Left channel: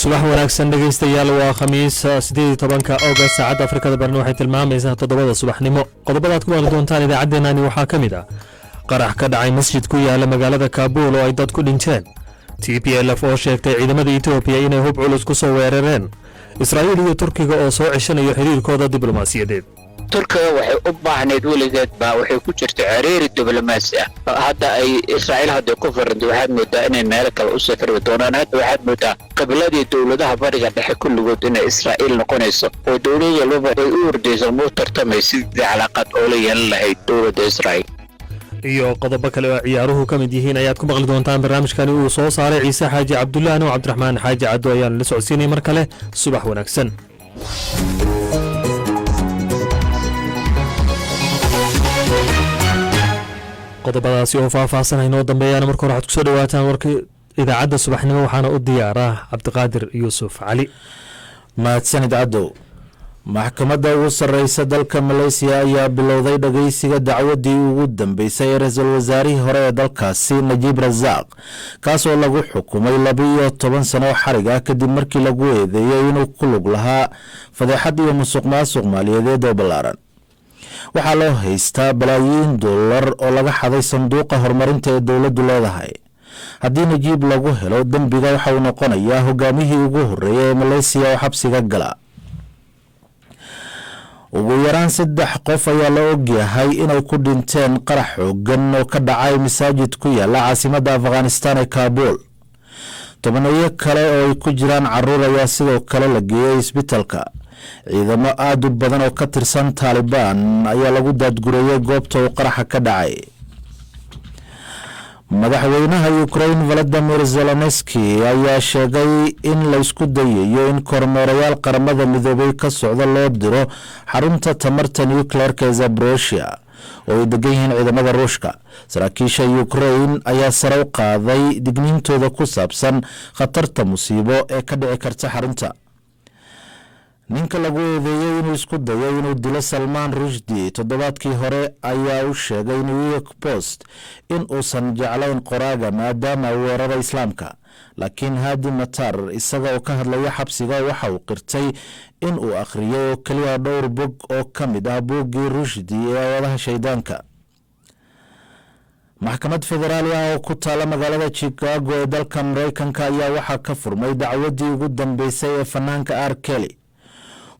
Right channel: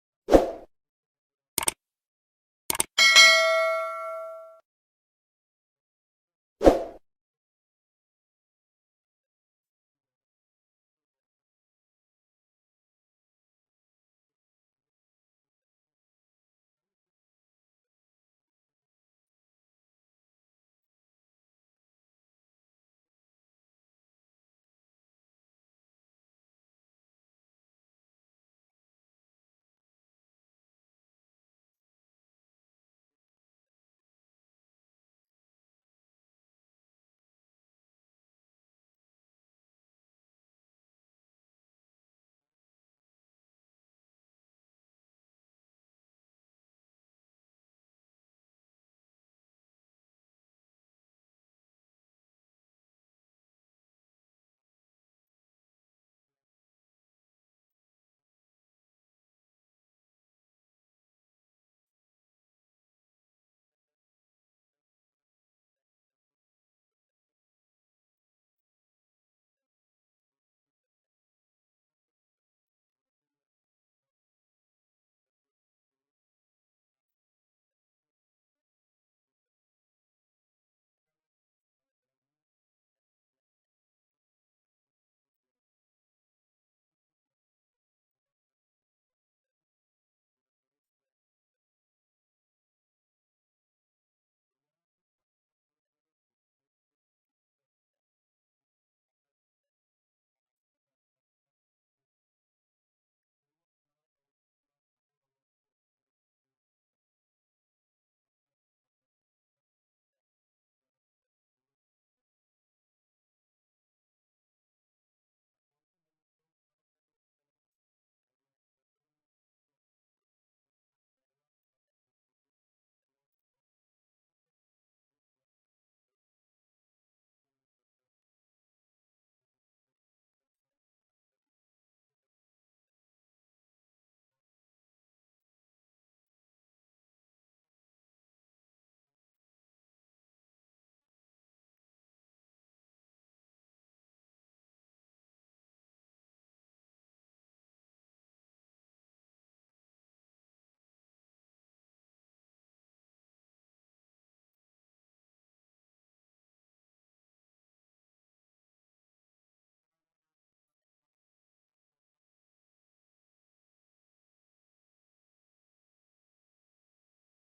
subax wanaagsan dhegeystayaal waa khamiis 18 August saacada Afrikada Bari waxay tilmaamaysaa 7 subaxnimo qodobada ku wada doontaan idaacadeennani waxaa kamid ah qarax ka dhacay masjid ku yaala magaalada Kaabul oo ay dad ku dhinteen TPLF oo sheegtay ciidamada Itoobiya inay hub culus ku soo weerareen Israa'iil iyo Turkiga oo soo ceshanayo xiriirkooda diblomaasiyadeed Turkiga waxay u baahneed weligeed baa waxay ku jirtay xiriir diblomaasi ah hadda ay Israa'iil hadda ku farantay waxaad moodaa inay meel kale u safri doonaan hadda waxaad moodaa qibladii dawladaha bariga dhexe kulligood inay Israa'iil noqonayso oo dawladda walba ay u ordayso muu tartamay sidii calaaqad oo la yeelan lahayd dawladda Israa'iil iyo qodobo kale oo ciyaaruhu ka mid yihiin ayaad ku maqli doontaan barnaamijkani uu soo saaray Ciise Xaaji Cabdullaahi iyo Cabdiraxmaan Xaaji Caddo ayaan la socodsiinay mar kale subax wanaagsan qodobadaasi oo faahfaahsan inoo dambeeyaan marka hore waxaad ku soo dhawaataan warka idaacadda subaxnimo waxaana u diyaaraa Cabdiqaadir Yuusuf Cali mahadsanid cadow maxkamadda ugu sarreysa dalka Malaysia ayaa bilowday dhageysiga dacwadii ugu dambeysay ee ra'iisul wasaarihii hore ee dalkaasi Najib Razak kaasoo lagu xukumay 12 sano xarig ah kadib markii lagu eedeeyay inuu ku lug lahaa fadeexad iyo musuqmaasuq maaliyadeed oo ballaaran waxaa loo haystaa balaayiin dollar oo laga xaday sanduuqa horumarinta ee dawladdu leedahay haddii Najib lagu helo dambiga waxa uu noqonayaa hogaamiyihii ugu horeeyay ee Malaysia oo xabsiga gala ugu yaraan 3 qof ayaa la ogyahay inay ku dhinteen qarax xooggan oo ka dhacay masaajid ku yaala caasimadda Afghanistan ee Kabul tobaneeyo kale oo ay ku jiraan carruur ayaa sidoo kale la geeyay isbitaalka ciidamo aad u badan oo ka tirsan Taliban ayaa lagu daadgureeyay goobta uu qaraxa ka dhacay madaxweynaha Ukraine Volodymyr Zelensky ayaa sheegay in la isku dayayo in kormeerayaal qaramada midoobay ka socda loo diro xarunta tamarta nuclear-ka ee Zaporizhzhia oo ay degan yihiin ciidamada Ruushka saraakiisha Ukraine ayaa sare u qaaday digniintooda ku saabsan khatarta musiibo ee ka dhici karta xarunta ninka lagu eedeeyay inuu isku dayo inuu dilo Salman Rushdie toddobaadkii hore ayaa u sheegay New York Post in uusan jeclayn qoraaga maadaama uu weeraray islaamka laakiin Hadi Matar isaga oo ka hadlaya xabsiga waxa uu qirtay in uu akhriyay oo kaliya dhowr bog oo ka mid ah buuggii Rushdie ee wadaha shaydaanka maxkamad federaali ah oo ku taala magaalada Chicago ee dalka Mareykanka ayaa waxaa ka furmay dacwadii ugu dambeysay ee fanaanka R. Kelly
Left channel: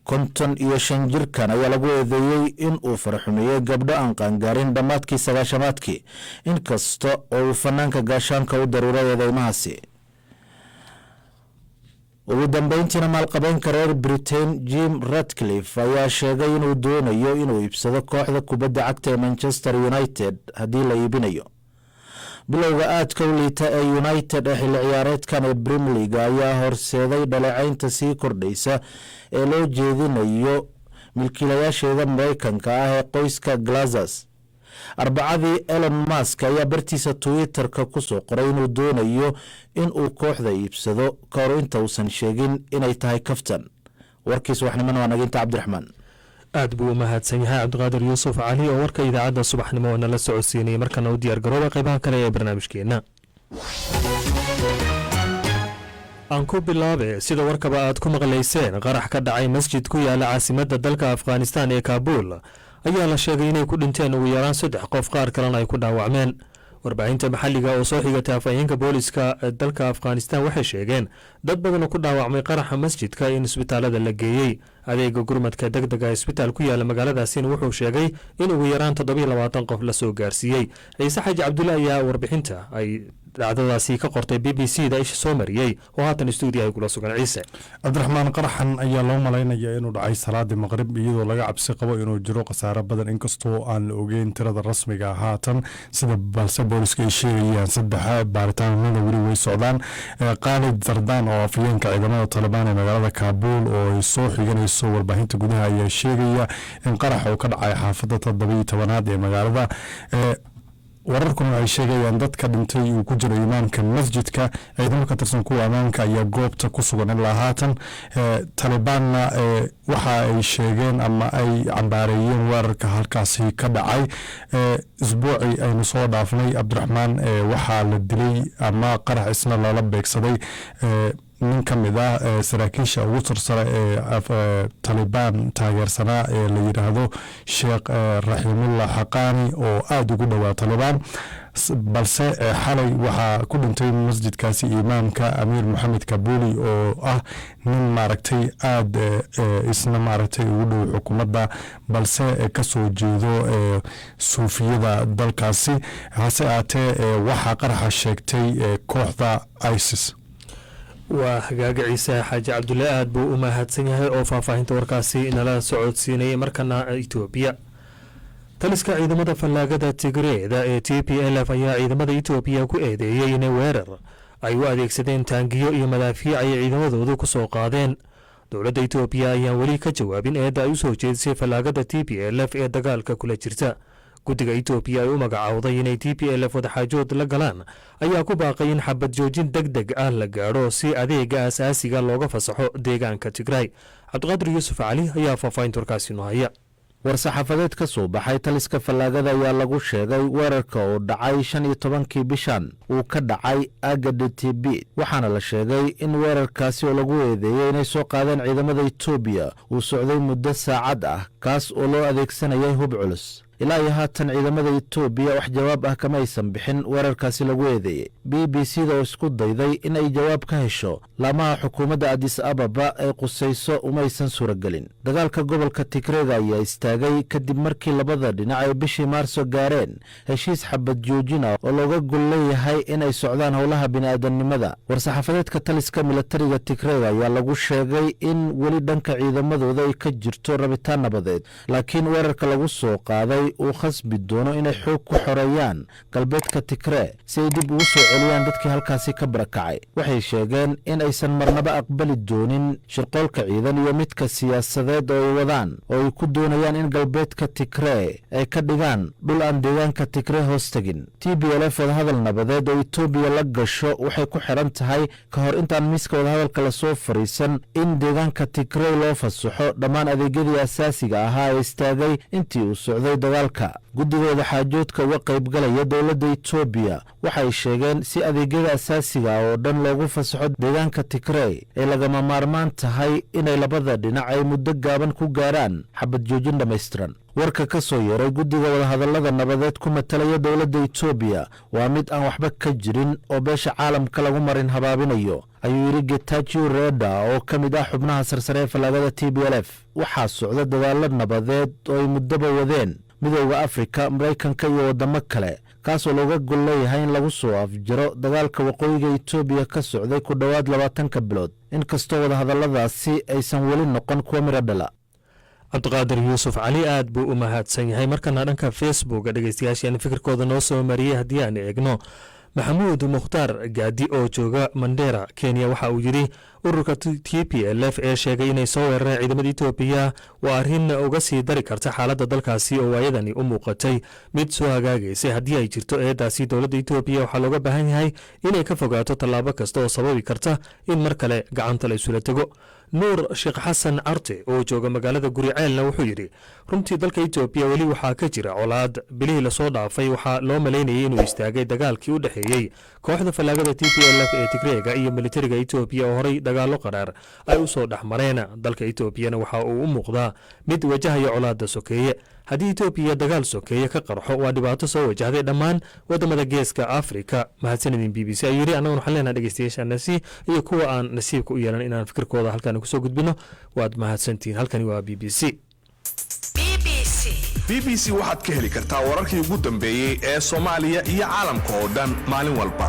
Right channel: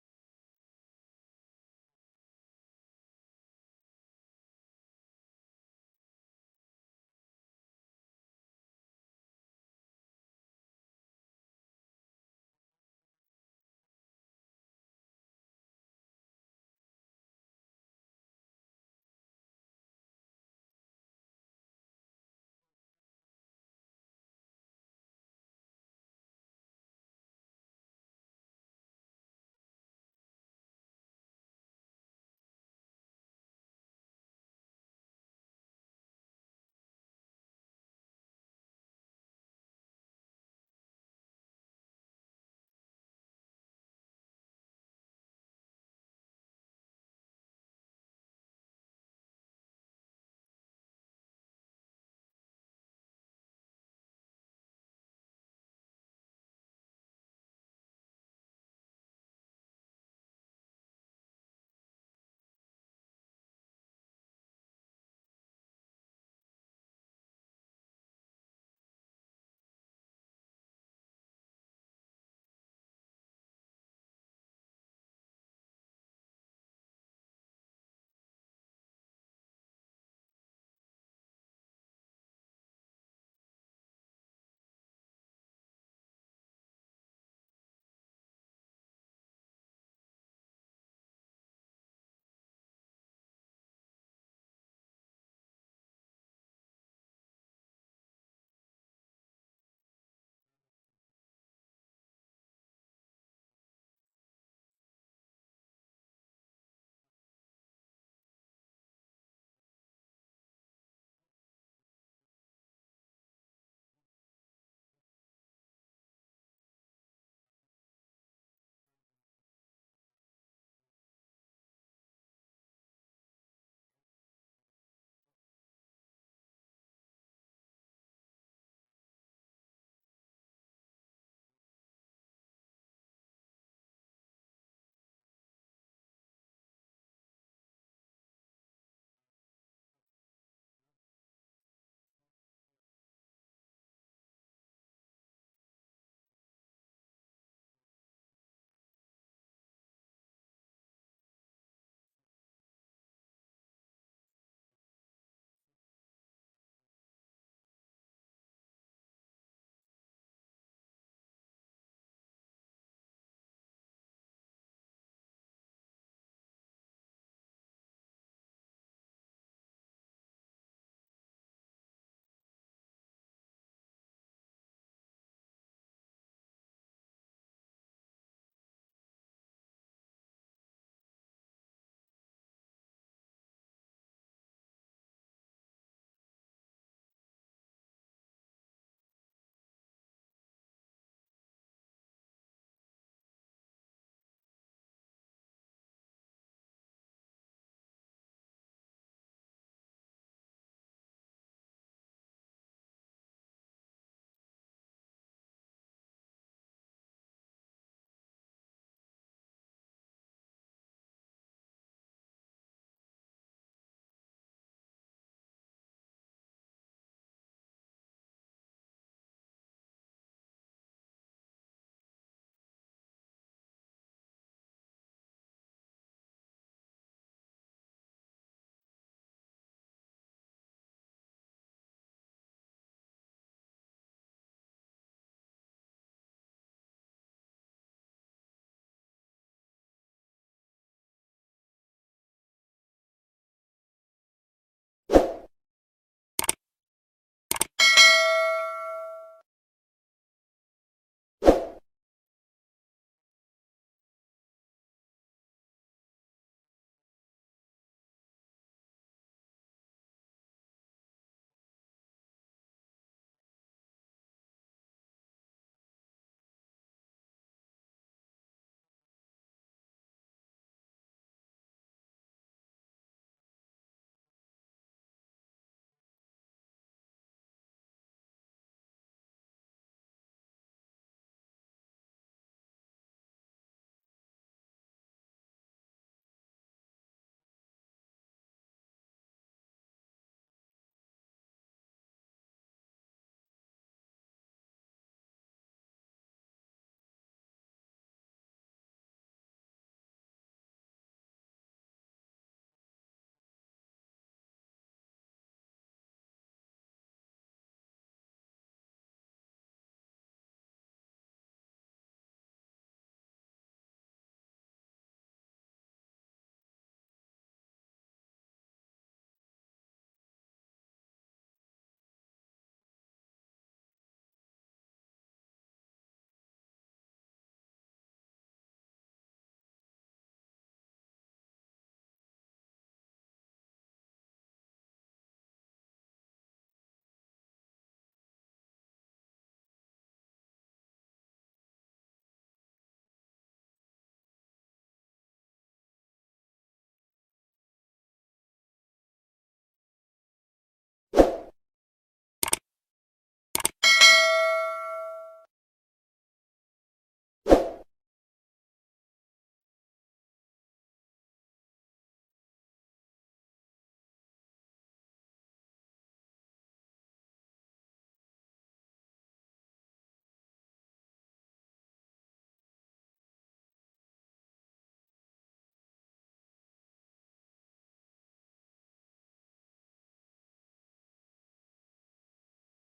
55 jirkan ayaa lagu eedeeyay in uu farxumeeyay gabdho aan qaangaarin dhamaadkii 9-aadkii inkasta oo uu fanaanka gaashaanka u daruuray eedeymahaasi ugu dambeyntiina maalqabeenka reer Britain Jim Ratcliffe ayaa sheegay inuu doonayo inuu iibsado kooxda kubadda cagta ee Manchester United haddii la iibinayo bilowga aadka u liita ee United ee xilli ciyaareedkan ee Premier League ayaa horseeday dhaleecaynta sii kordhaysa ee loo jeedinayo milkiilayaasheeda Mareykanka ah ee qoyska Glazers arbacadii Elon Musk ayaa bartiisa Twitter-ka ku soo qoray inuu doonayo in uu kooxda iibsado ka hor inta uusan sheegin inay tahay kaftan warkiis waxnimana waa naginta Cabdiraxmaan aad buu mahadsan yahay Cabdiqaadir Yuusuf Cali oo warka idaacadda subaxnimo nala socodsiinay markana u diyaar garooba qaybaha kale ee barnaamijkeena aan ku bilaabe sida warkaba aad ku maqlayseen qarax ka dhacay masjid ku yaala caasimadda dalka Afghanistan ee Kabul ayaa la sheegay inay ku dhinteen ugu yaraan 3 qof qaar kalena ay ku dhaawacmeen warbaahinta maxalliga oo soo xigtay afayeenka booliska dalka Afghanistan waxay sheegeen dad badan oo ku dhaawacmay qaraxa masjidka in isbitaalada la geeyay adeega gurmadka degdega isbitaal ku yaala magaaladaasi wuxuu sheegay in ugu yaraan 27 qof la soo gaarsiiyay Ciise Xaaji Cabdullaahi ayaa warbixinta ay dhacdadaasi ka qortay BBC-da isha soo mariyay oo haatan stuudiyo ay kula sugan Ciise Cabdiraxmaan qaraxan ayaa loo malaynayaa inuu dhacay salaadii maqrib iyadoo laga cabsi qabo inuu jiro khasaare badan inkastoo aan la ogeyn tirada rasmiga ah haatan sida balse booliska ay sheegayaan 3 baaritaanada weli way socdaan Khalid Zardaan oo afayeenka ciidamada Taliban ee magaalada Kabul oo ay soo xiganayso warbaahinta gudaha ayaa sheegaya in qarax uu ka dhacay xaafadda 17aad ee magaalada wararkuna ay sheegayaan dadka dhintay uu ku jiro imaamka masjidka ciidamo ka tirsan kuwa amaanka ayaa goobta ku sugan ilaa haatan Talibanna waxa ay sheegeen ama ay cambaareeyeen weerarka halkaasi ka dhacay isbuucii aynu soo dhaafnay Cabdiraxmaan waxaa la dilay ama qarax isna lala beegsaday nin ka mid ah saraakiisha ugu sarsare ee talibaan taageersanaa ee la yidhaahdo sheekh raximullah xaqaani oo aada ugu dhowaa talibaan balse xalay waxaa ku dhintay masjidkaasi imaamka amiir maxamed kabuli oo ah nin maaragtay aada isna maaragtay ugu dhow xukuumadda balse kasoo jeedo suufiyada dalkaasi hase aatee waxaa qaraxa sheegtay kooxda isis. waa hagaaga ciise xaaji cabdulle aad buu u mahadsan yahay oo faahfaahinta warkaasi nala socodsiinayay markana etoobiya. taliska ciidamada fallaagada tigreeda ee t p l f ayaa ciidamada etoobiya ku eedeeyey inay weerar ay u adeegsadeen taangiyo iyo madaafiic ay ciidamadoodu ku soo qaadeen. dowladda etoobiya ayaan weli ka jawaabin eedda ay u soo jeedisay fallaagada t p l f ee dagaalka kula jirta. guddiga etoobiya ay u magacaawday inay t p l f wadaxaajood la galaan ayaa ku baaqay in xabad joojin deg deg ah la gaadho si adeega asaasiga looga fasaxo deegaanka tigray. cabdiqaadir yuusuf cali ayaa faahfaahinta warkaasi noo haya. war-saxaafadeed ka soo baxay taliska fallaagada ayaa lagu sheegay weerarka oo dhacay 15kii bishan uu ka dhacay agada tb waxaana la sheegay in weerarkaasi oo lagu eedeeyey inay soo qaadeen ciidamada etoobiya uu socday muddo saacad ah kaas oo loo adeegsanayay hub culus. ilaa iyo haatan ciidamada etoobiya wax jawaab ah kama aysan bixin weerarkaasi lagu eedeeyey. b b c da oo isku dayday in ay jawaab ka hesho laamaha xukuumadda adis ababa ee qusayso umaysan suuragelin. dagaalka gobolka tigreega ayaa istaagay kadib markii labada dhinac ay bishii maarso gaareen heshiis xabad joojin ah oo looga gol leeyahay inay socdaan howlaha bini'aadamnimada. war-saxaafadeedka taliska milatariga tigreega ayaa lagu sheegay in weli dhanka ciidamadooda ay ka jirto rabitaan nabadeed laakiin weerarka lagu soo qaaday uu khasbi doono inay xoog ku xoreeyaan galbeedka tigree si ay dib ugu soo celiyaan dadkii halkaasi ka barakacay. waxay sheegeen in aysan marnaba aqbali doonin shirqoolka ciidan iyo midka siyaasadeed oo ay wadaan oo ay ku doonayaan in galbeedka tigree ay ka dhigaan dhul aan deegaanka tigree hoos tegin. t b l f wadahadal nabadeed oo etoobiya la gasho waxay ku xiran tahay ka hor intaan miiska wadahadalka lasoo fariisan in deegaanka tigree loo fasaxo dhammaan adeegyadii asaasiga ahaa ee istaagay intii uu socday dagaalka. guddigooda xaajoodka uga qaybgalaya dowladda etoobiya waxay sheegeen si adeegyada asaasiga ah oo dhan loogu fasaxo deegaanka tigree ay lagama maarmaan tahay inay labada dhinac ay muddo gaaban ku gaaraan xabad joojin dhammaystiran. warka ka soo yeeray guddiga wadahadallada nabadeed ku matalaya dowladda etoobiya waa mid aan waxba ka jirin oo beesha caalamka lagu marin habaabinayo ayuu yidhi getachew reda oo ka mid ah xubnaha sarsare ee fallaagada t b l f. waxaa socda dadaalo nabadeed oo ay muddoba wadeen midowda afrika maraykanka iyo waddamo kale kaasoo looga gol leeyahay in lagu soo afjaro dagaalka waqooyiga etoobiya ka socday ku dhowaad 20 bilood inkastoo wadahadalladaasi aysan weli noqon kuwa miro dhala. cabdiqaadir yuusuf cali aad buu u mahadsan yahay. markana dhanka facebook dhegeystayaashaan fikirkooda noo soo mariyey haddii aan eegno maxamuud mukhtaar gaadi oo jooga mandera kenya waxa uu yidhi ururka t p l f ee sheegay inay soo weerareen ciidamada etoobiya waa arrin uga sii dari karta xaaladda dalkaasi oo waayadani u muuqatay mid soo hagaagaysay. haddii ay jirto eedaasi dowladda etoobiya waxaa looga baahan yahay inay ka fogaato tallaabo kasta oo sababi karta in mar kale gacanta la isula tego. nuur sheekh xasan carte oo jooga magaalada guriceelna wuxuu yidhi runtii dalka etoobiya weli waxaa ka jira colaad bilihii lasoo dhaafay waxaa loo malaynayay inuu istaagay dagaalkii u dhexeeyey kooxda fallaagada t p l f ee tigreega iyo militariga etoobiya oo horey dagaallo qaraar ay u soo dhex mareen. dalka etoobiyana waxa uu u muuqdaa mid wajahaya colaadda sokeeye. haddii etoobiya dagaal sokeeye ka qarxo waa dhibaato soo wajahday dhammaan wadamada geeska afrika. mahadsanidin b b c ayuu yidhi. annaguna waxaan leenaha dhegeystayaashaanasi iyo kuwa aan nasiibka u yeelan inaan fikirkooda halkan kusoo gudbino waad mahadsantihiin. halkani waa b b c. b b c waxaad ka heli kartaa wararkii ugu dambeeyey ee soomaaliya iyo caalamka oo dhan maalin walba.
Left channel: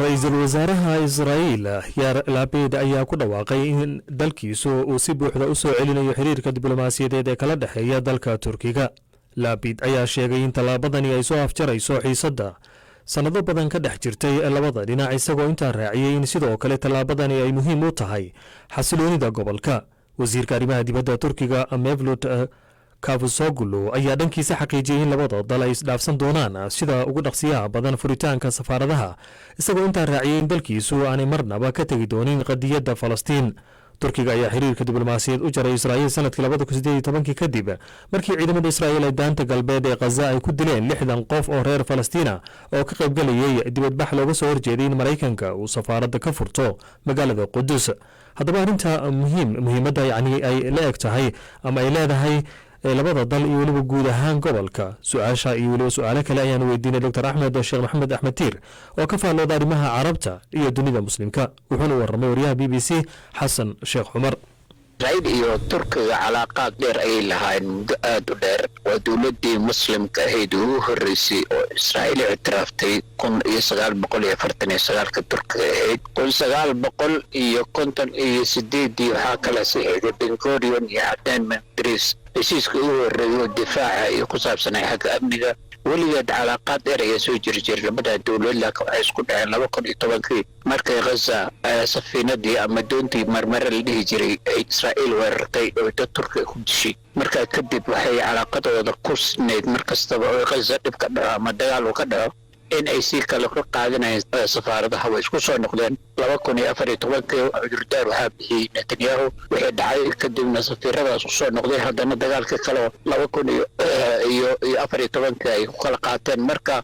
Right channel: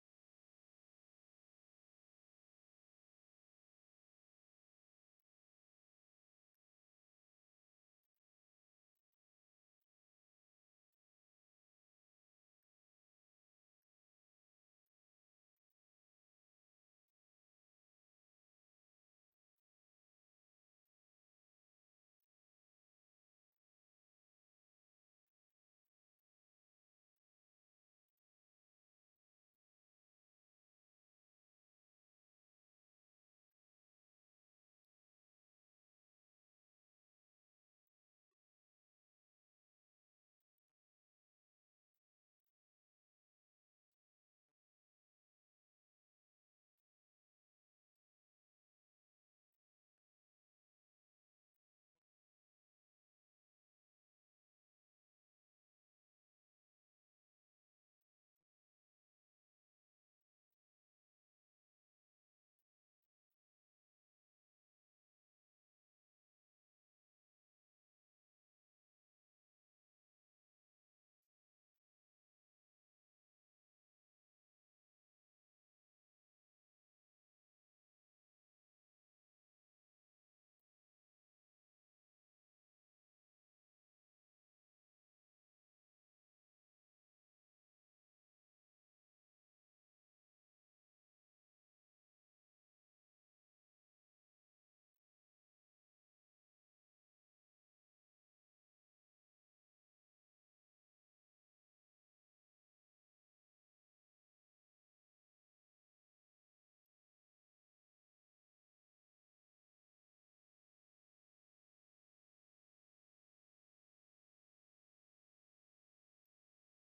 ra-iisul wasaaraha israa'iil yaar laabed ayaa ku dhawaaqay in dalkiisu uu si buuxda u soo celinayo xiriirka diblomaasiyadeed ee kala dhexeeya dalka turkiga. laabid ayaa sheegay in tallaabadani ay soo afjarayso xiisadda sannado badan ka dhex jirtay labada dhinac isagoo intaa raaciyey in sidoo kale tallaabadani ay muhiim u tahay xasiloonida gobolka. wasiirka arrimaha dibadda turkiga mevlut kavusoglu ayaa dhankiisa xaqiijiyey in labada dal ay isdhaafsan doonaan sida ugu dhaqsiyaha badan furitaanka safaaradaha isagoo intaa raaciyey in dalkiisu aanay marnaba ka tegi doonin qadiyadda falastiin. turkiga ayaa xiriirka diblomaasiyaed u jaray israa'iil sanadkii 2018 kadib markii ciidamada israa'iil ay daanta galbeed ee khaza ay ku dileen 60 qof oo reer falastiina oo ka qaybgalayay dibadbax looga soo horjeeday in maraykanka uu safaaradda ka furto magaalada qudus haddaba arrinta muhiimadda yacni ay la eg tahay ama ay leedahay labada dal iyo weliba guud ahaan gobolka su-aasha iyo weliba su-aalo kale ayaan weydiinay dr axmed sheekh maxamed axmed tiir oo ka faallooda arrimaha carabta iyo dunida muslimka wuxuuna warramay wariyaha b b c xasan sheekh cumar israa'iil iyo turkiga calaaqaad dheer ayay lahaayeen muddo aada u dheer waa dowladdii muslimka ahayd ugu horreysay oo israa'iil ictiraaftay 1949 turkiga ahayd 1958 waxaa kala saxiixday ben gurion iyo cadaan mandris heshiiska ugu horreeyo difaaca iyo ku saabsanay xagga amniga weligeed calaaqaad dheer ayaa soo jiri jiray labada dowlad laakiin waxay isku dhaceen 2010 markay khaza safiinadii ama doontii marmare la dhihi jiray ay israa'iil weerartay oo dad turkiga ku dishay markaa kadib waxay calaaqadooda ku sinayd mar kastaba oo khaza dhib ka dhaco ama dagaal uu ka dhaco in ay sii kale ka qaadanayeen safaaradaha way isku soo noqdeen 2014 cudurdaar waxaa bixiyey netanyahu wixii dhacay kadibna safiiradaas kusoo noqday haddana dagaalka kale 2014 ay ku kala qaateen marka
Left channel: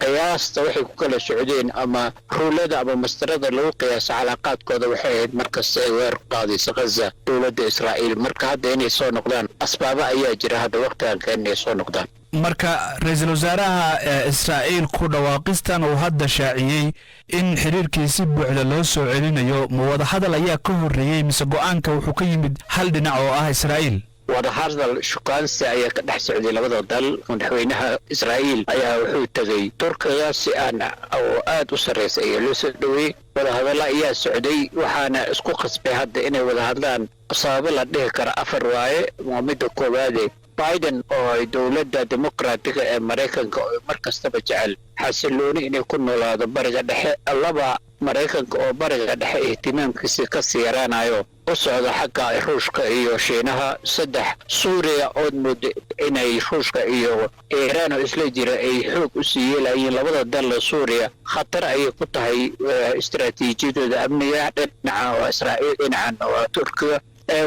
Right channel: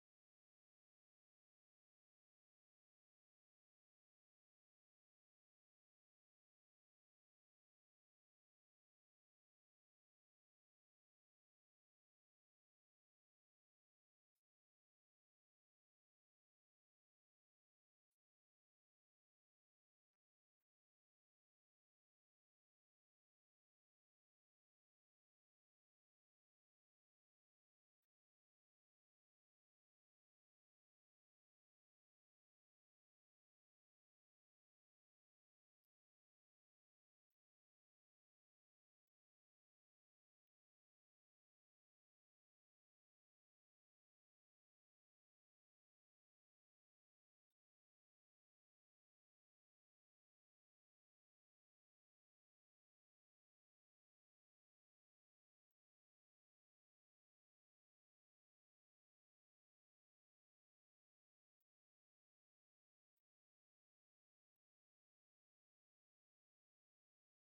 qiyaasta waxay ku kala socdeen ama ruulada ama mastarada lagu qiyaasa calaaqaadkooda waxay ahayd markasta ay weerar qaadaysa khaza dowladda israa'iil marka hadda inay soo noqdaan asbaaba ayaa jira hadda waqtigan ka inay soo noqdaan marka ra-iisul wasaaraha israa'iil ku dhawaaqistan uu hadda shaaciyey in xiriirkii si buuxda loo soo celinayo ma wadahadal ayaa ka horreeyey mise go-aanka wuxuu ka yimid hal dhinac oo ah israa'iil wadahadal shukaansi ayaa ka dhex socday labada dal madaxweynaha israa'iil ayaa wuxuu tegey turkiga si aan oo aad u sarreysa ayaa loo soo dhoweeyey wadahadalla ayaa socday waxaana isku qasbay hadda inay wada hadlaan sababo la dhihi kara 4 waaye waa midda koowaade biden oo ay dowladda dimuqraatiga ee maraykanka oo mar kastaba jecel xasilooni inay ku noolaado bariga dhexe laba maraykanka oo bariga dhexe ihtimaamkiisa ka sii yaraanayo u socda xagga ruushka iyo shiinaha 3 suuriya ood mooda inay ruushka iyo iiraan oo isla jira ay xoog u sii yeelayeen labada dal suuriya khatar ayay ku tahay istiraatiijiyadooda amniga dhinaca oo israa'iil dhinacan oo turkiga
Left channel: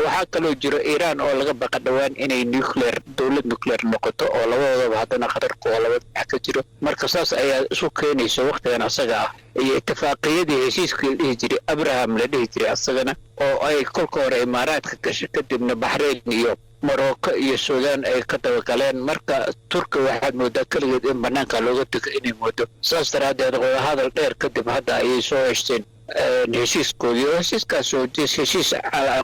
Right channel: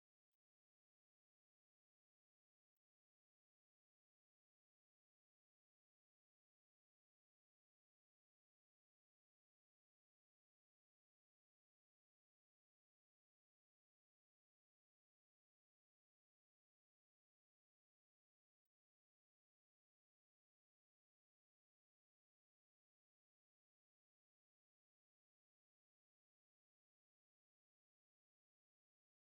waxaa kaloo jiro iiraan oo laga baqa dhowaan inay dowlad nuclear noqoto oo labadoodaba haddana khatarku oo laba dhinac ka jiro marka saas ayaa isu keenaysa waqtigan asaga ah iyo itifaaqiyadii heshiiskii la dhihi jiray abraham la dhihi jiray asagana oo ay kolka hore imaaraadka gashay kadibna baxrayn iyo morocco iyo suudaan ay ka dabagaleen marka turkiga waxaad moodaa keligeed in banaanka looga tego inay moodo saas daraaddeed wadahadal dheer kadib hadda ayay soo heshteen heshiiskoodii oo heshiiskaas oo heshiis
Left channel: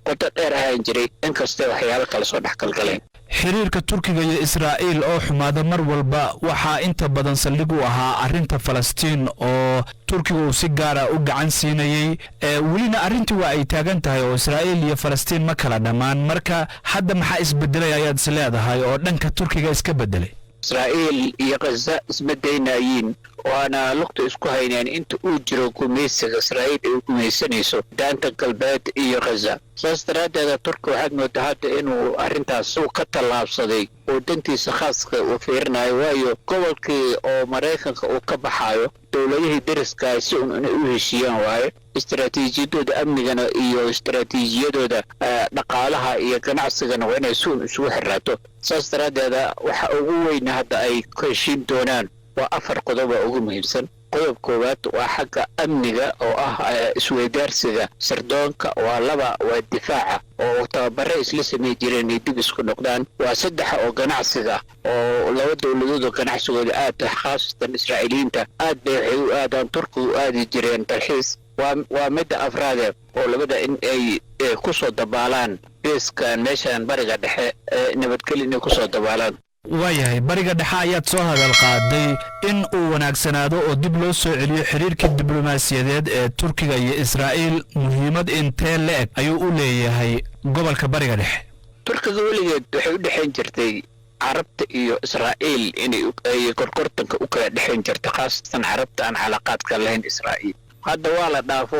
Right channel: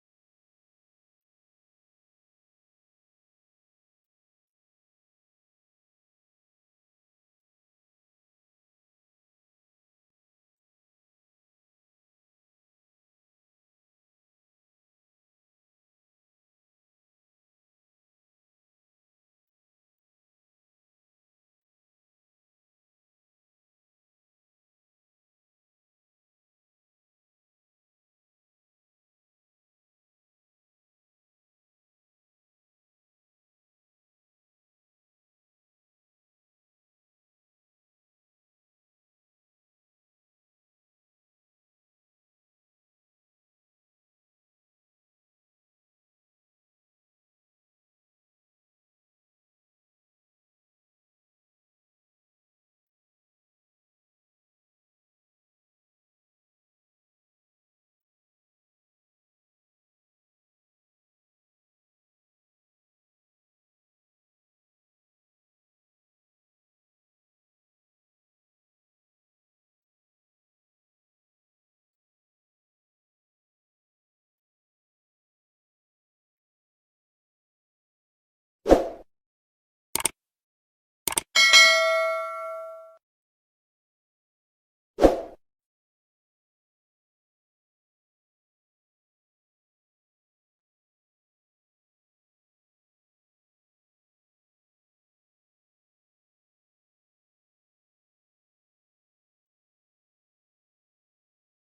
qoto dheer ahaan jiray inkastee waxyaalo kale soo dhex galgaleen xiriirka turkiga iyo israa'iil oo xumaada mar walba waxaa inta badan saldhig u ahaa arrinta falastiin oo turkiga uu si gaara u gacan siinayey welina arrintii waa ay taagan tahay oo israa'iil iyo falastiin ma kala dhammaan marka hadda maxaa isbedelay ayaad is leedahay oo dhanka turkiga iska bedelay israa'iil iyo khaza isma daynayiin waana lugta isku hayneen inta uu jiro gumaysiga israa'iil ay gumaysanayso daanta galbeed iyo khaza saas daraaddeeda turkiga waxaad moodaa hadda inuu arrintaas uu ka tallaabsaday oo dantiisa khaaska uu fiirinayo waayo gobolkii oo maraykanka uu ka baxayo dowladihii dariska si un inay u heshiiyaan waaye istiraatiijiyadooda amnigana iyo istiraatiijiyadooda dhaqaalaha iyo ganacsigana waa inay si un isugu xiraato saas daraaddeeda waxa ugu weyna hadda ay ka heshiin doonaan waa 4 qodob oo ugu muhiimsan qodob koowaad waa xagga amniga oo ah isweydaarsiga sirdoonka waa 2 waa difaaca oo tababare isla samey jireen inay dib isku noqdaan waa 3 oo ganacsiga oo laba dowladood oo ganacsigooda aad khaasatan israa'iiliyiinta aad bay waxay u aadaan turkiga u aadi jireen dalxiis waa midda afraade oo labada in ay ku soo dabaalaan beeskan meeshan bariga dhexe nabadgelyo inay ku soo dabaalaan waayahay bariga dhexe ayaad soo hadal qaaday in uu wanaagsanaado oo dib loo soo celiyo xiriirkii diblomaasiyadeed ee turkiga iyo israa'iil muhiimad intee la-eg ayuu u leeyahay gobolka bariga dhexe turkiga weligeed waxay u dhexayn jirtay carabta iyo israa'iil inay gorgortanka u kala dhexayn jirta khaasatan carabta aan calaaqaadka lahayn israa'iil hadda waa la dhaafo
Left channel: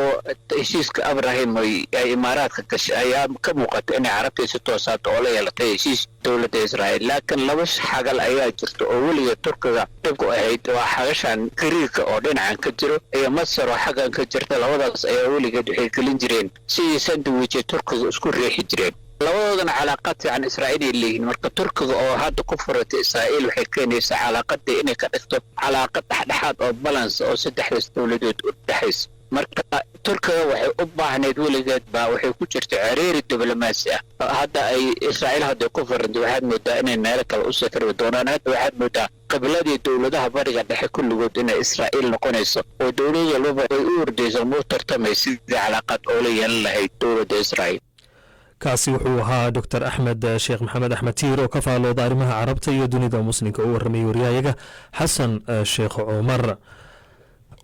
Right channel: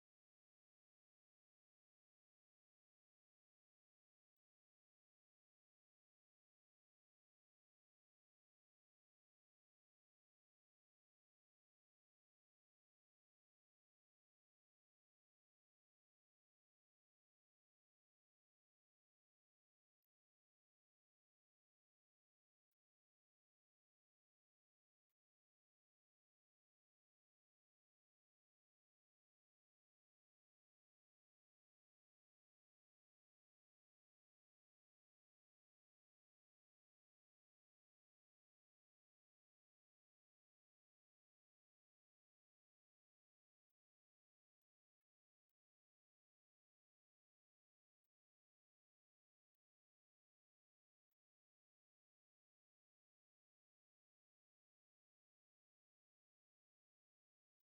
heshiiska abrahim ay imaaraadka gashay ayaa ka muuqata inay carabta si toosaad oo la yeelatay heshiis dowladda israa'iil laakiin laba xagal ayaa jirta oo weliga turkiga dhibku ahayd waa xagashan gariirka oo dhinacan ka jiro iyo masar oo xaggan ka jirta labadaas ayaa weligeed waxay gelin jireen sidii sandwiche turkiga isku riixi jireen labadoodana calaaqad fiican israa'iil ay leeyihiin marka turkiga oo hadda ku furatay israa'iil waxay keenaysaa calaaqadii inay ka dhigto calaaqad dhexdhexaad oo balance oo saddexdaas dowladood u dhexaysa marka turkiga waxay u baahneyd weligeed baa waxay ku jirta ciriiri diblomaasi ah hadda ay israa'iil hadda ku furantay waxaad moodaa inay meelo kale u safri doonaan hadda waxaad moodaa qibladii dowladaha bariga dhexe kulligood inay israa'iil noqonayso oo dowlad walbaba ay u ordayso muu tartamay sidii calaaqad oo la yeelan lahayd dowladda israa'iil kaasi wuxuu ahaa dr axmed sheekh maxamed axmed tiir oo ka faalooda arrimaha carabta iyo dunida muslimka u warramay waryahayaga xasan sheekh cumar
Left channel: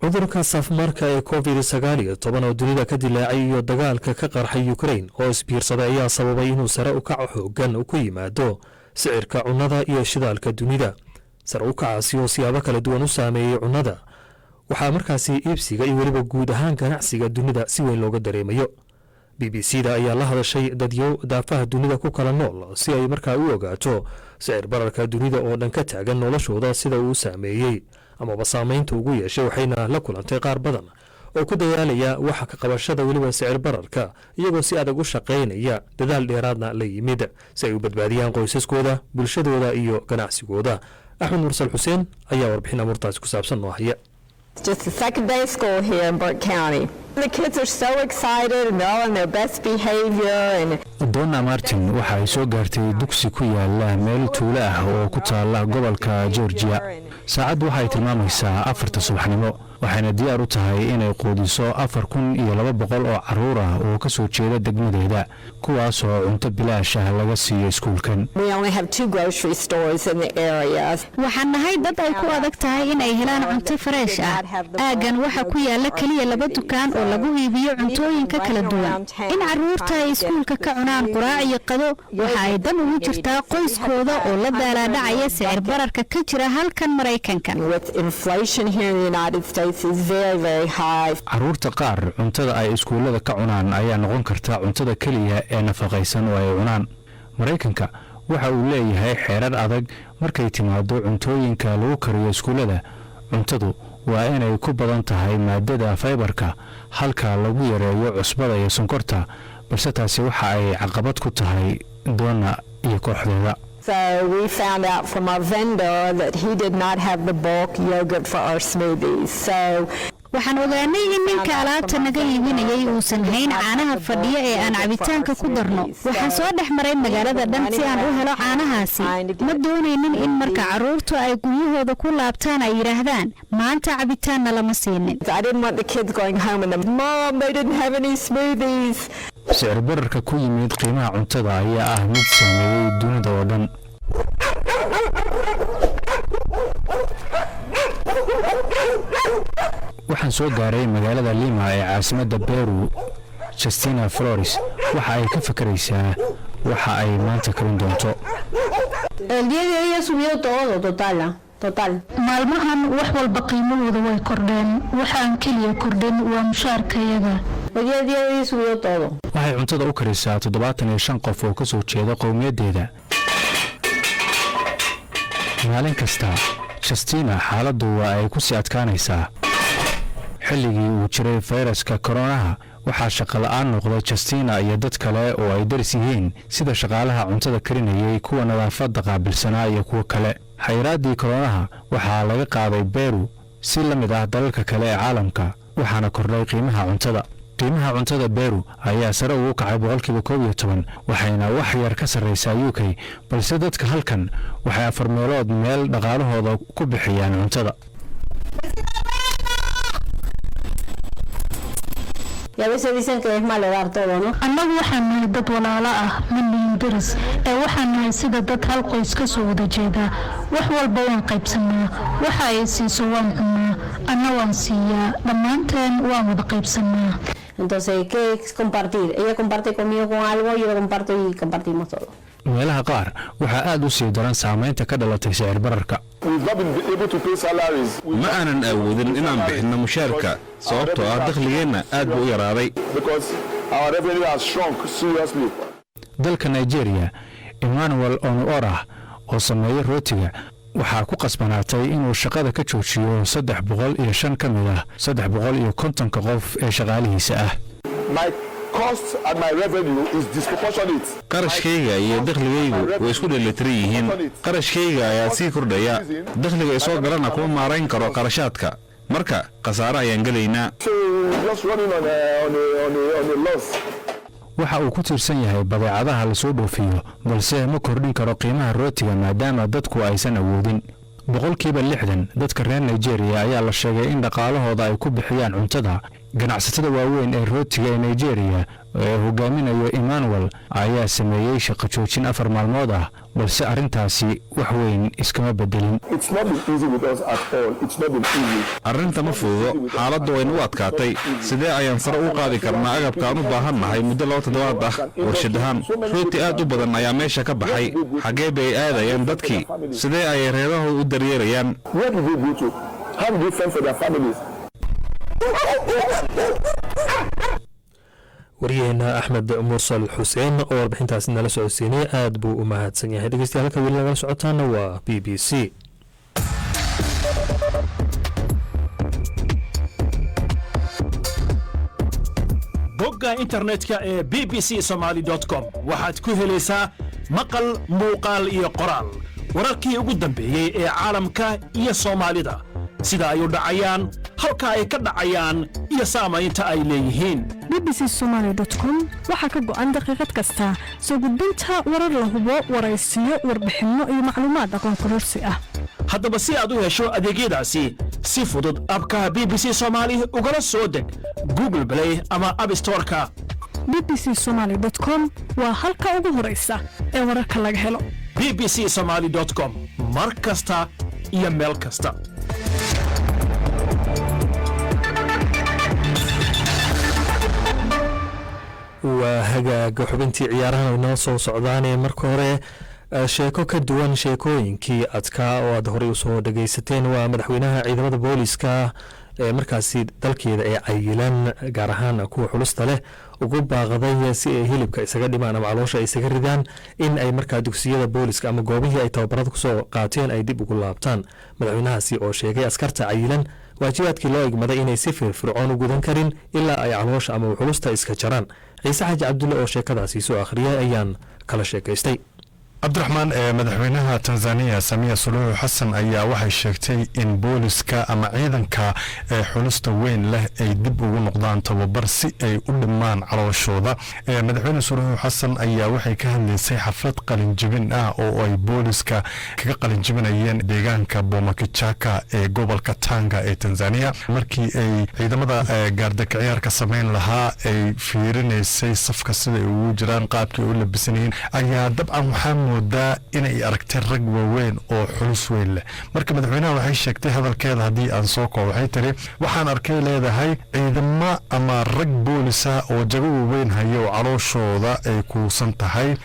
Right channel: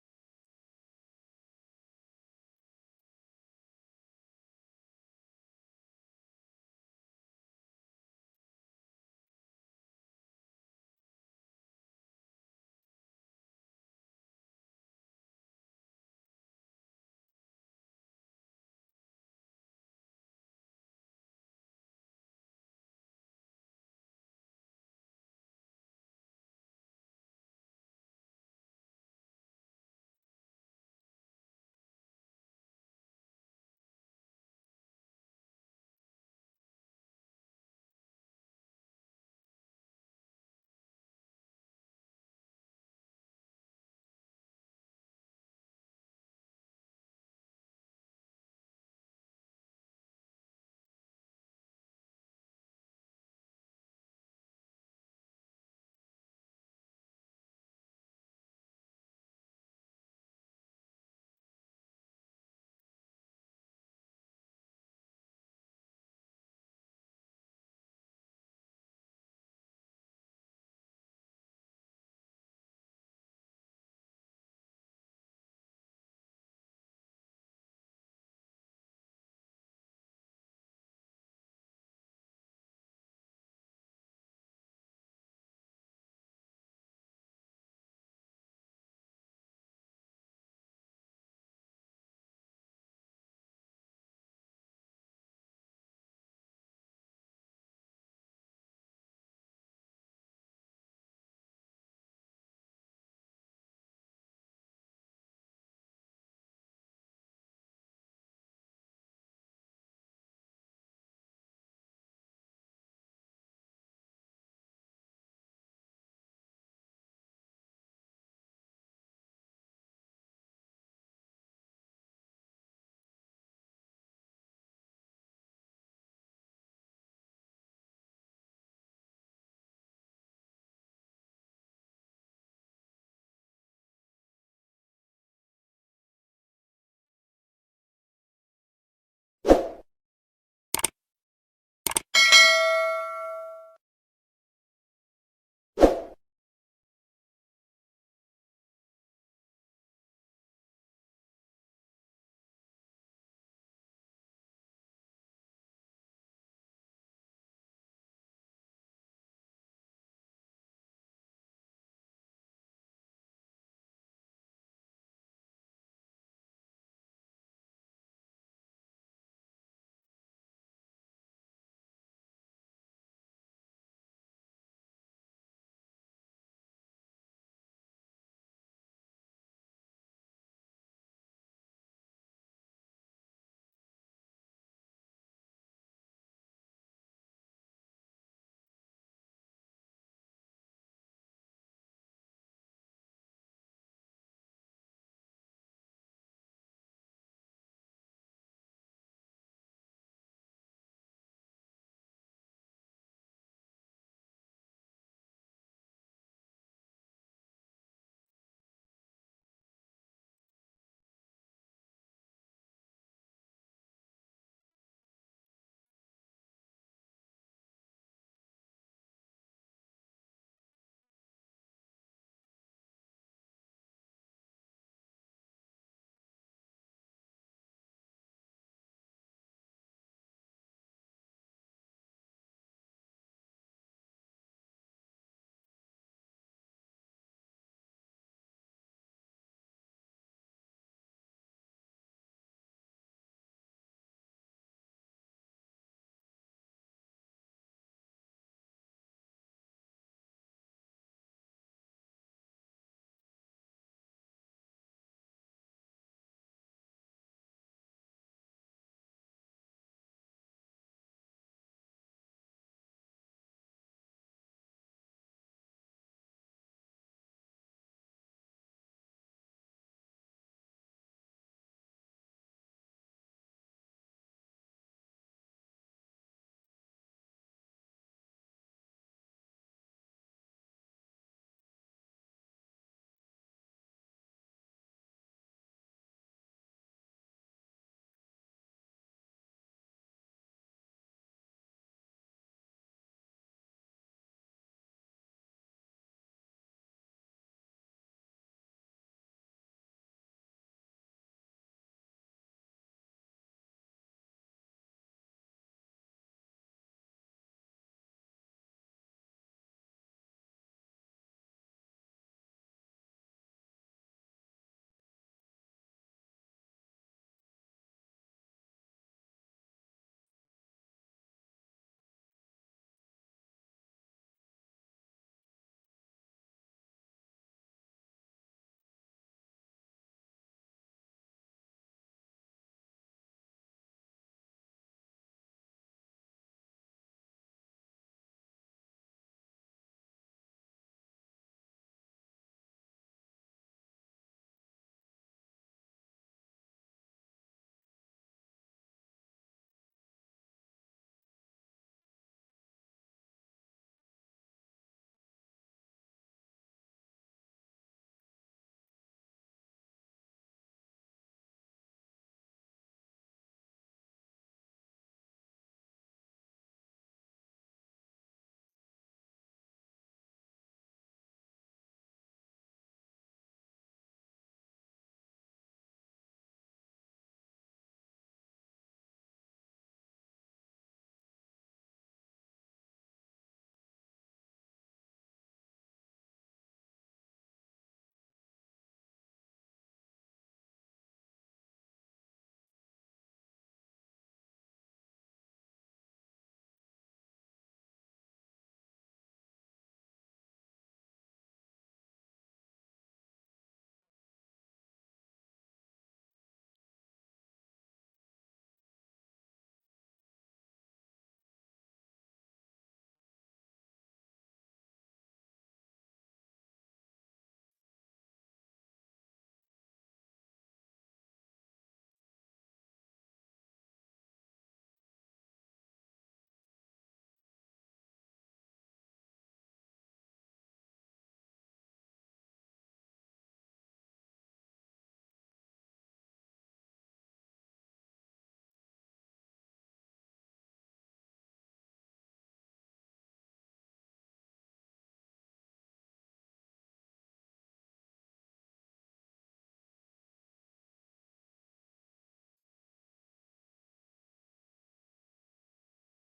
cudurka safmarka ee covid-19 oo dunida ka dilaacay iyo dagaalka ka qarxay ukrain oo isbiirsaday ayaa sababay inuu sare u kaco xoogan ku yimaado sicirka cunnada iyo shidaalka dunida sare u kacaasi oo siyaabo kala duwan u saameeyey cunnada waxaa markaasi iibsiga iyo weliba guud ahaan ganacsiga dunida si weyn looga dareemayo b b c da ayaa la hadashay dadyo daafaha dunida ku kala nool si ay markaa u ogaato sicir bararka dunida oo dhan ka taagan noloshooda sida uu saameeyey amaba saamaynta ugu yeeshay waxayna la kulantay qaar badan oo ku dadaalaya waxa ka qabashada weliba sicir bararka iyagoo si adag u shaqaynaya dadaal dheeraadna la yimid si ay u badbaadiyaan qoysaskooda bulshadooda iyo ganacsigooda axmed mursal xuseen ayaa warbixin amuurtaasi ku saabsan noo haya Just the second day of school here in Burke County. The kids are so excited and they're all in their best behavior. Donna Martin waxa ay soo gaartay dugsi ku yaala meel tuulo ah oo ku taala gobolka Georgia. Saacad waxay tilmaamaysaa 4 subaxnimo waxayna diyaar u tahay inay quudiso 4,200 oo caruur ah oo ka soo jeeda degmadeeda kuwaas oo cunto bilaash ah laga siiyo iskuulkan. We only have 2 grocery stores in the area. Waxaan nahay dad ay ku adag tahay in ay helaan cunto fresh ah. Aagan waxa ku yaala kaliya 2 dukaan oo lagu iibiyo cuntooyinka kala duwan. In caruurta ay iskuulka ka cunaan quraac iyo qado waxa ay dan ugu jirtaa qoyskooda oo la daalaa-dhacaya sicir bararka ka jira halkan Mareykanka. With inflation here in the United States is very, very high. Caruurta qaar cuntada ay iskuulada ka cunaan ayaa noqon karta cuntada kaliya ee nafaqaysan oo ay cunaan. Mareykanka waxa uu leeyahay xeerar adag markay timaado cuntooyinka lagu kariyo iskuulada. Cuntadu waa inay ku badan tahay maadada fiberka halka lagu yareeyo cusbada iyo sonkorta balse taasi waxa ay caqabad ku tahay Donna iyo kooxdeeda. So we found out from our vendor that he did not have the bulk yogurt for our smoothies. So waxaan ogaanay in ninka alaabta naga iibinayay uusan hayn caanaha fadhiya ee aan cabitaanka ku darno. Waxaan soo dhex maray magaalada dhan si aan u helo caanahaasi. Ma doonaynin in marka caruurtu ay guryahooda ku laabtaan ay yiraahdaan maanta cabitaanna lama siinin. I didn't want the kids going home and mom they didn't have any smoothies. Sicir bararka ku yimid qiimaha cuntada ayaa ah mid saameeyay dunida oo dhan. waxaan soo gaaray magaalada Lima ee caasimadda Peru. Justina Flores waxa ay ka fakaraysaa waxa ay maanta karin doonto. El día de hoy ha subido todo, total. Maalmahan wax walba qiimahooda way kordheen. Waxaan kaliya kordhin waa mushaarkayaga. El día de hoy ha subido todo. Waxay cuntada u karisaa 75 qof oo ka soo jeeda qowmiyadeeda. maalin kasta Justina xaaladdu waa ay ku sii adkaanaysaa. xilligii uu jiray fayraska koronaha waxaa shaqo la'aan noqday Justina iyo dad kale oo ay daris yihiin sida shaqaalaha cuntada karinayay kuwa nadaafadda qaabilsanaa iyo kuwa kale. xayiraadii koronaha waxaa laga qaaday Peru si la mid ah dalalka kale ee caalamka waxaana kordhay qiimaha cuntada. qiimaha cuntada Peru ayaa sare ugu kacay 12% waxayna wax yar ka sarreysaa UK balse dadka halkan waxay 4 meelood meel dhaqaalahooda ku bixiyaan cuntada. Y a veces dicen que es malo dar todo, ¿no? Annagu waxaan nahay dad walaalo ah min daris ee waxaan nahay sida dad hal qoys ka soo wada jeeda wax walba waan qaybsanaa waxa ay siiso waan cunaa anna waan siiyaa dhammaanteen waan wada qaybsanaa. Entonces, ¿qué es compartir? Ella comparte conmigo con algo, yo lo comparto y compartimos todo. meelaha qaar waxaa aad u sii daran saamaynta ka dhalatay sicir bararka. ma aanan awoodin inaan bixinno mushaarka sababtoo ah dakhligeenna aad buu u yaraaday. dalka Nigeria, Emmanuel Onuora oo sameeyay rootiga waxaa ku qasbanaatay inuu shaqada ka joojiyo 305 ka mid ah 350 qof ee shaqaalihiisa ah. qarashkayga iyo dakhligaygu way isku dheelitiran yihiin. qarashkayga ayaa sii kordhaya, dakhliga isoo galana kuma maarayn karo qarashaadka, marka khasaare ayaan gelaynaa. waxa uu ku tiirsan yahay badeecadaha la soo dhoofiyo, balse ma kordhin karo qiimaha rootiga maadaama dadku aysan awoodin. 60% dadka reer Nigeria ayaa la sheegay in dhaqaalahooda ay ku bixiyaan cuntada. ganacsatada waaweyn ee rootiga ee Nigeria ee hogaaminayo Emmanuel ayaa sameeyay shaqo joojin 4 maalmood ah, balse arrintaasi wax weyn iskama bedelin. arrinta ma fududo, xaaladdu way nagu adkaatay. sidee ayaan sare u qaadi karnaa agabkaan u baahannahay muddo 2 toddobaad ah? warshadahaan rooti aad u badan ayaa meesha ka baxay. xaggee bay aadayaan dadkii? sidee ayay reerahooda u daryeerayaan? waryaheena axmed mursal xuseen oo warbixintaasi nala socodsiinay aad buu u mahadsan yahay. dhegeystayaal halka weli nagala socotaana waa b b c. bogga internetka ee bbcsomali.com waxaad ku helaysaa maqal, muuqaal iyo qoraal. wararkii ugu dambeeyey ee caalamka iyo Soomaalida, sida ay u dhacayaan, halka ay ka dhacayaan iyo saamaynta ay leeyihiin. bbcsomali.com waxaa ka go'an daqiiqad kasta soo gudbinta warar la hubo, waraysiyo, warbixinno iyo macluumaad aqoon kororsi ah. haddaba si aad u hesho adeegyadaasi si fudud, abka BBC Somali ugala soo deg Google Play ama App Store-ka. bbcsomali.com waa halka ugu horeysa ee wararka laga helo. bbcsomali.com mar kasta iyo meel kasta. waa hagaaga xubintii ciyaarahan inoo soo socdaanee marka hore sheeko ka duwan sheekooyinkii adkaa oo aad horey usoo dhagaysateen. waa madaxweynaha ciidamada booliska ee markaasi dalkeeda ee cayilan, gaar ahaan kuwa xulusta leh, ugu baaqday si ay hilibka isaga dhimaan ama caloosha ay isaga ridaan in ay markaa dugsiyada booliska ama goobihii ay tababarada kusoo qaateen ay dib ugu laabtaan. madaxweynahaasi oo sheegay askarta cayilan waajibaadkii loo igmaday inay si firfircoon u gudan karin ilaa ay caloosha ama xulusta iska jaraan. ciise xaaji cabdulle oo sheekadaasi soo akhriyay ayaan kala sheekaystay. cabdiraxmaan madaxweynaha Tanzania Samia Suluhu Hassan ayaa waxay sheegtay in booliska ama ciidanka xulusta weyn leh ay dib ugu noqdaan tababar si ay u dhimaan calooshooda. madaxweyne Suluhu Hassan ayaa waxay ka hadlaysay xaflad qalinjibin ah oo ay booliska kaga qalinjibinayeen deegaanka Bomakichaka ee gobolka Tanga ee Tanzania. markii ay ciidamada gaardaka ciyaarka sameyn lahaa ay fiirinaysay safka sida ay ugu jiraan, qaabkii u labisanayeen, ayaa dabcan waxaa moodaa inay aragtay rag waaweyn oo xulus weyn leh. marka madaxweynaha waxay sheegtay hadalkeeda haddii aan soo koobo, waxay tiri waxaan arkay leedahay ciidamo ama rag boolisa oo jago waaweyn haya oo calooshooda ay kuusan tahay.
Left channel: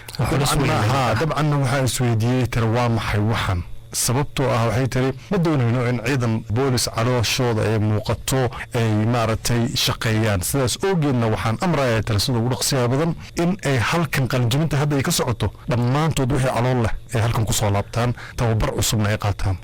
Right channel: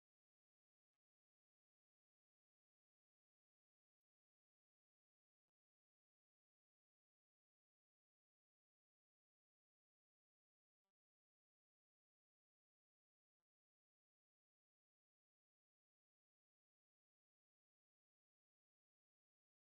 dabcanna waxaa isweydiiyey tiri waa maxay waxan, sababtoo ah waxay tiri ma doonayno in ciidan boolis calooshooda ay muuqato ay maaragtay shaqeeyaan. sidaas oogeedna waxaan amrayaa tiri sida ugu dhaqsiyaha badan in ay halkan qalinjibinta hadda ay ka socoto dhammaantood wixii calool leh ay halkan kusoo laabtaan, tababar cusubna ay qaataan.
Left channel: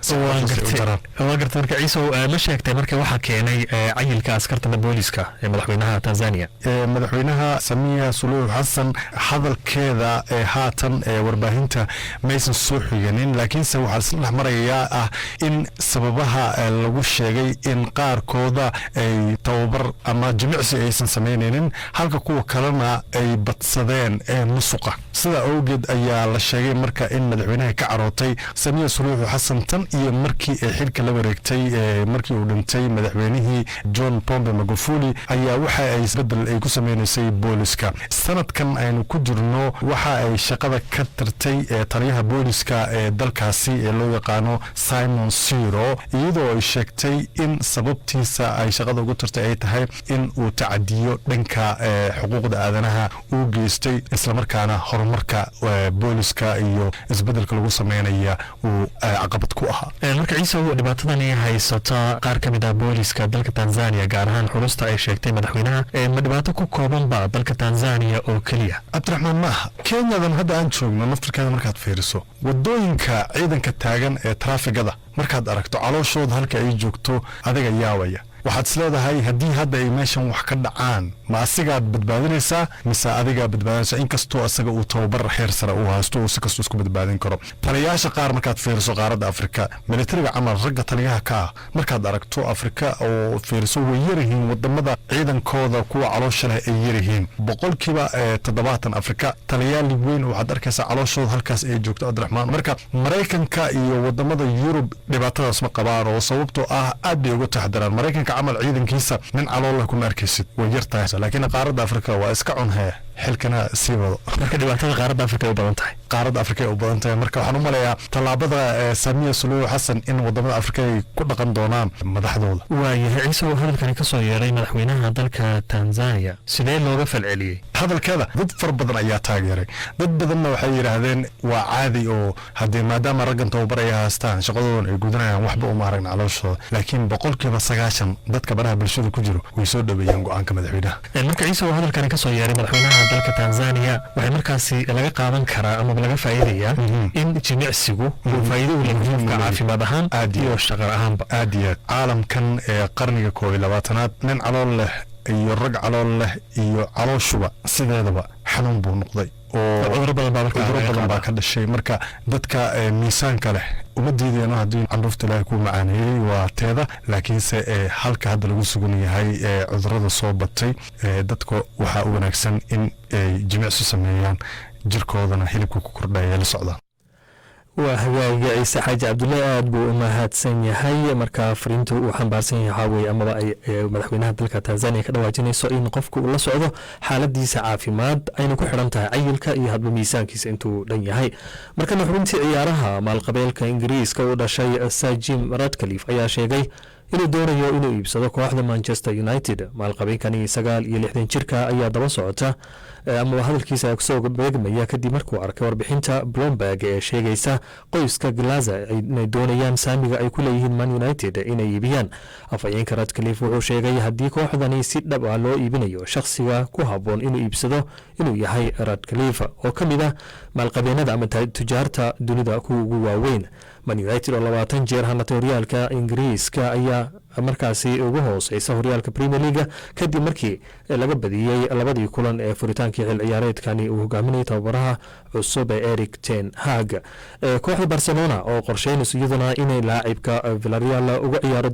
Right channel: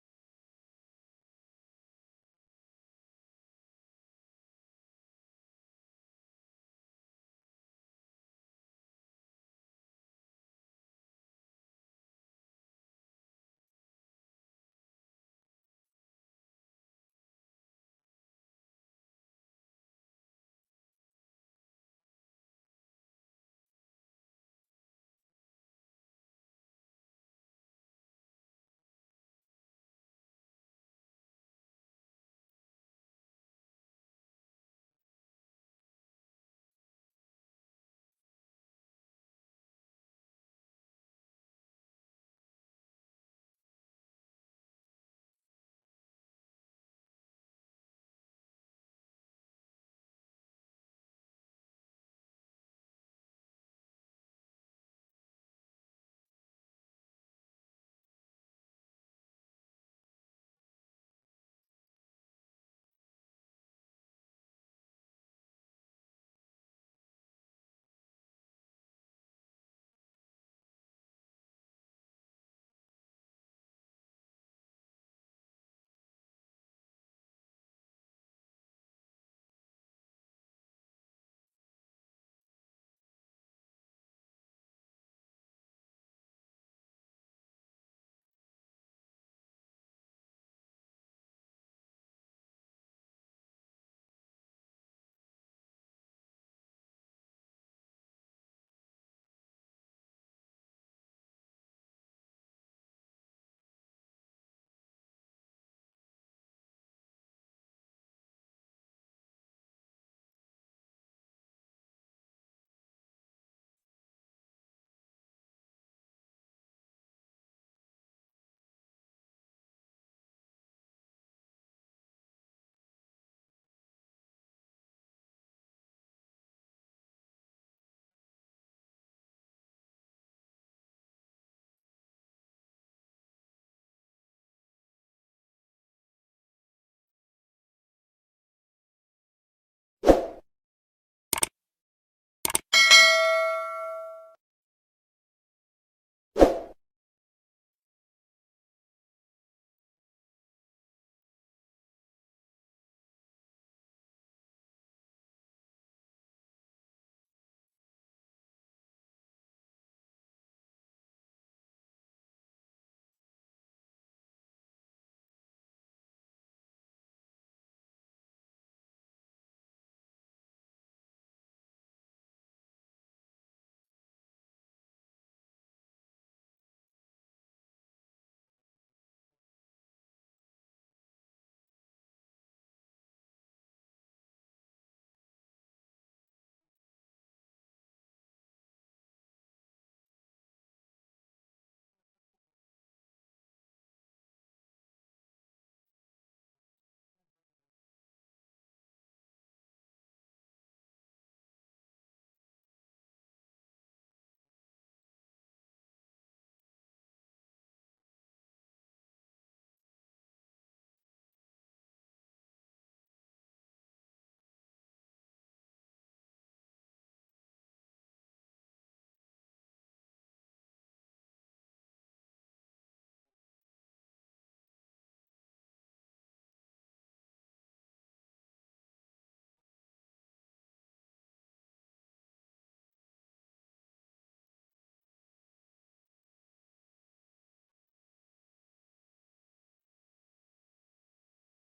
waa garta marka ciise ma sheegtay marka waxaa keenay cayilka askarta booliska ee madaxweynaha Tanzania. madaxweynaha Samia Suluhu Hassan hadalkeeda haatan warbaahinta maysan soo xiganin, laakiinse waxaa marayaa ah in sababaha lagu sheegay in qaarkooda ay tababar ama jimicsi aysan samaynaynin, halka kuwa kalena ay badsadeen musuqa. sida awgeed ayaa la sheegay marka in madaxweynaha ka carootay Samia Suluhu Hassan tan iyo markii ay xilka la wareegtay markii uu dhintay madaxweynihii John Pombe Magufuli ayaa waxa ay isbedel ay ku sameynaysay booliska. sanadkan aynu ku jirno waxa ay shaqada ka tirtay taliyaha booliska ee dalkaasi ee loo loo yaqaano Simon Siro iyadoo ay sheegtay in sababtiisa ay shaqada ugu tartay ay tahay in uu tacadiyo dhanka xuquuqda aadanaha uu geystay isla markaana horumarka booliska iyo isbedelka lagu sameynaya uu caqabad ku ahaa. marka ciise dhibaatadan ay haysata qaar ka mid ah booliska dalka Tanzania gaar ahaan xulusta ay sheegtay madaxweynaha ma dhibaato ku kooban ba dalka Tanzania oo kaliya. Abdiraxmaan maaha Kenyadan hadda aan joogno naftirkeeda markaad fiiriso wadooyinka ciidanka taagan ee traafigada markaad aragto calooshooda halka ay joogto adiga yaawaya waxaad isleedahay haddii hadda ay meeshan wax ka dhacaan ma asigaad badbaadinaysaa mise adigaa badbaadinaysaa inkastoo asaga uu tababar heer sare uu haysto uu si kastoo isku badbaadin karo. taliyayaasha qaar markaad fiiriso qaaradda Afrika militariga camal ragga taliyaha ka ah markaad aragto Afrika oo fiiriso way yaryihiin wadamada ciidankooda kuwa caloosha leh ay yaryihiin boqolkiiba 70 Afrika taliyayaal weyn waxaad arkaysaa calooshooda halkaas ay joogto Abdiraxmaan. marka Mareykanka iyo wadamada Yurub dhibaatadaas ma qabaan oo sababtoo ah aad bay uga taxadaraan. Mareykanka camal ciidankiisa nin calool leh kuma arkaysid way yartahay laakiin qaaradda Afrika waa iska cunhaya xilkana sii wado. marka dhibaatada qaaradda Afrika ay u badan tahay qaaradda Afrika ay u badan tahay marka waxaan u maleeyaa talaabada Samiya Suluhu Xasan in wadamada Afrika ay ku dhaqan doonaan madaxdooda. waayahay ciise hadalkan ka soo yeeray madaxweynaha dalka Tanzania sidee looga falceliyay hadalkeeda dad far badan ayaa taageeray dad badanna waxay yiraahdeen waa caadi oo hadii maadaama raggan tababar ay haystaan shaqadooda ay gudanayaan waxba uma aragna calooshooda laakiin boqolkiiba 90 dadka baraha bulshada ku jiro way soo dhaweeyeen go'aanka madaxweynaha. marka ciise hadalkan ka soo yeeray madaxweynaha dalka Tanzania waxay markaasi laga qaadan karaa ama laga faa'iideeyaa in jimicsigu uu faa'iido u leeyahay caafimaad ahaan iyo shaqo ahaanba. aad iyo caalamkan ee qarniga 21aad nin calool leh iyo rag calool leh iyo calooshuba sideedaba xanuun buu noqday oo cudurro badan baa ka dhashay. marka dadka miisaanka leh uma diideen haddii candhuufta ilaahay ku macaaneeyey waa teeda laakiinse halka hadda lagu sugan yahay cudurrada soo batay dadka waxaa u wanaagsan in ay jimicsi sameeyaan jirkoodana hilibka ku kordhaya la socdaan. waa hagaaga ciise xaaji cabdulle aad buu u mahadsan yahay marka fariintu uu xambaarsan yahay waxaa amaba ay madaxweynaha dalka Tanzania ka dhawaajinayso in qofku uu la socdo xaaladiisa caafimaad ayna ku xidhan tahay cayilka iyo hadba miisaankiisa intuu dhan yahay. markana xubintii ciyaaraha maalqabeelka Ingiriiska u dhashay Sir Jim Ratcliffe ayaa sheegay inuu doonayo inuu iibsado kooxda Manchester United. maalqabeelkani 69 jirka ayaa daba socota ama hadalkiisa kusoo beegmaya kadib markuu arkay warbixinta Bloomberg ee sheegaysa qoyska Glazer inay doonayaan saamiga ay ku leeyihiin Man United inay iibiyaan. afhayeenka Ratcliffe wuxuu sheegay haddii kooxdani si dhab ah loo iibinayo shakhsiga ku habboon inuu iibsado inuu yahay Ratcliffe oo ka mid ah maalqabeennada ama tujaarta dunida kuwa ugu waaweyn. Man United oo 20 jeer hanatay horyaalka Ingiriiska ayaa markaasi ugu hooseysa horyaalka Premier League kadib markii laga badiyay labadii kulan ee furitaankii xil ciyaareedkani uu hogaaminayay tababaraha cusub ee Erik ten Hag. kooxda Barcelona oo qorsheynaysa iyaduna inay laacibka Villarreal uga ciyaaro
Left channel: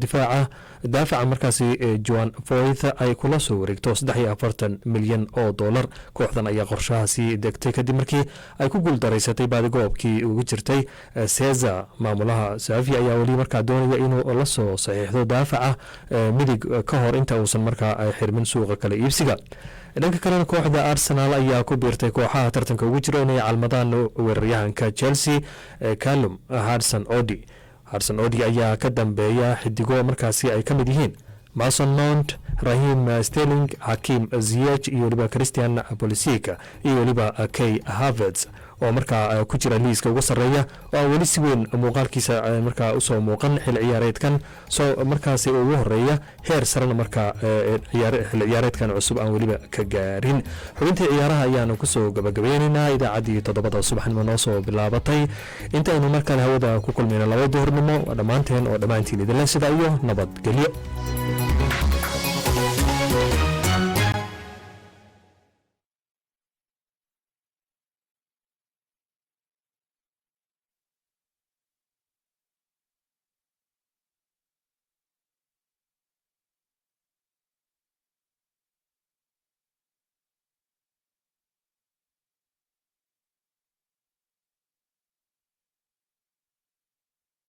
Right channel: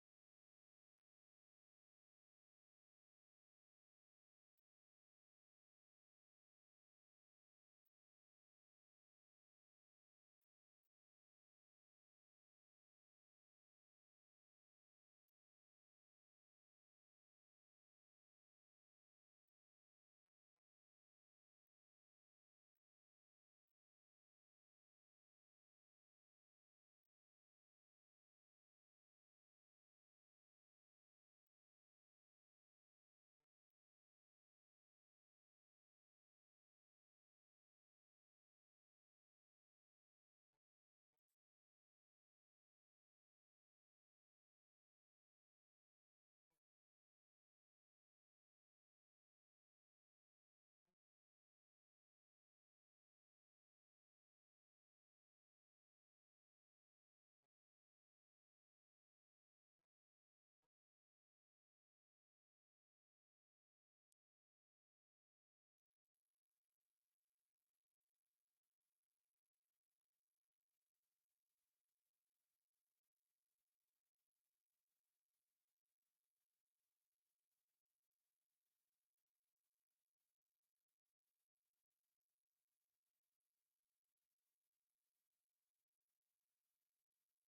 daafaca markaasi Joan Foyth ay kula soo wareegto $43 milyan oo dollar. kooxdan ayaa qorshahaasi degtay kadib markii ay ku guuldareysatay baadigoobkii ugu jirtay Cesar. maamulaha Xavi ayaa weli markaa doonaya inuu la soo saxiixdo daafaca midig ka hor inta uusan markaa xirmin suuqa kala iibsiga. dhanka kalena kooxda Arsenal ayaa ku biirtay kooxaha tartanka ugu jira inay calmadaan weeraryahanka Chelsea Callum Hudson-Odoi ayaa ka dambeeya xidigo markaasi ay ka mid yihiin Mason Mount, Raheem Sterling, Hakim Ziyech iyo waliba Christian Pulisic iyo waliba Kai Havertz oo markaa ku jira liiska ugu sareeya oo weli si weyn muuqaalkiisa markaa u soo muuqan xil ciyaareedkan soo markaasi ugu horeeya heer sarena markaa xil ciyaareedkan cusub aan weliba ka gaarin. xubintii ciyaaraha ayaanu kusoo gabagabaynaynaa idaacaddii 7 subaxnimo noo soo bilaabatay intaynu markale hawada ku kulmayna 2 duhurnimo dhammaanteen oo dhammaantiin idinle sida iyo nabadgelyo.